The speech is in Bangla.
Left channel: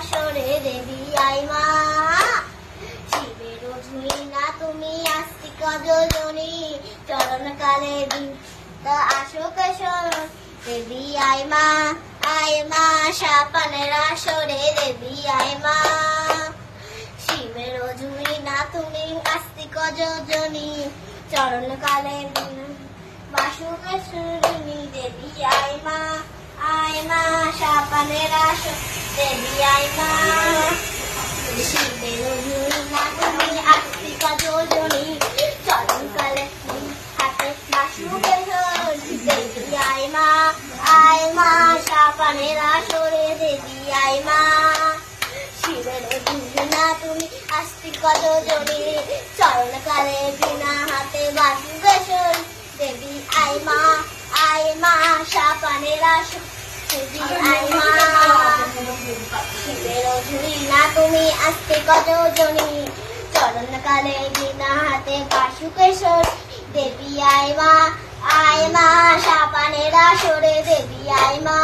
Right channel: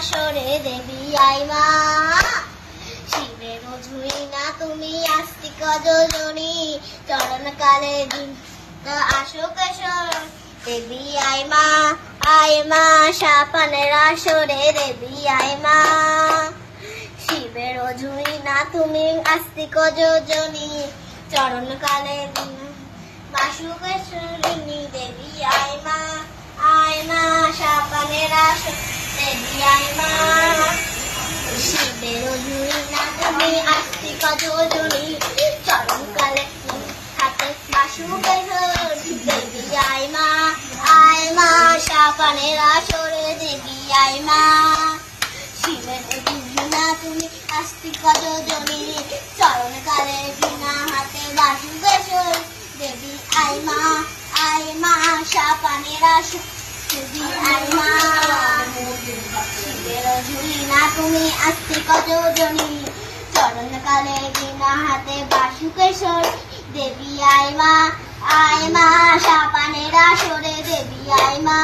আসরে দেবী আই মা। শিবের ঝুড়ি না তুমি আস্তিক যোজনী, চরণ কালে আসো কেশর দেবী আই মা। সাপানের আসরে দেবী আই মা। শিবের ঝুড়ি না তুমি আস্তিক যোজনী, চরণ কালে বাসুকেশ্বরিণী দেবী আই মা। সাপানের আসর দেবী আই মা। শিবের ঝুড়ি না তুমি আস্তিক যোজনী, চরণ কালে হাতে বাসুকেশ্বরী দেবী আই মা। সাপানের আসরে দেবী আই মা। শিবের ঝুড়ি না তুমি আস্তিক যোজনী, চরণ কালে বিনা হাতে বাসুকেশ্বরী দেবী আই মা। সাপানের আসরে দেবী আই মা। শিবের ঝুড়ি না তুমি আস্তিক যোজনী, চরণ কালে বিনা হাতে বাসুকেশ্বরী দেবী আই মা। সাপানের আসরে দেবী আই মা।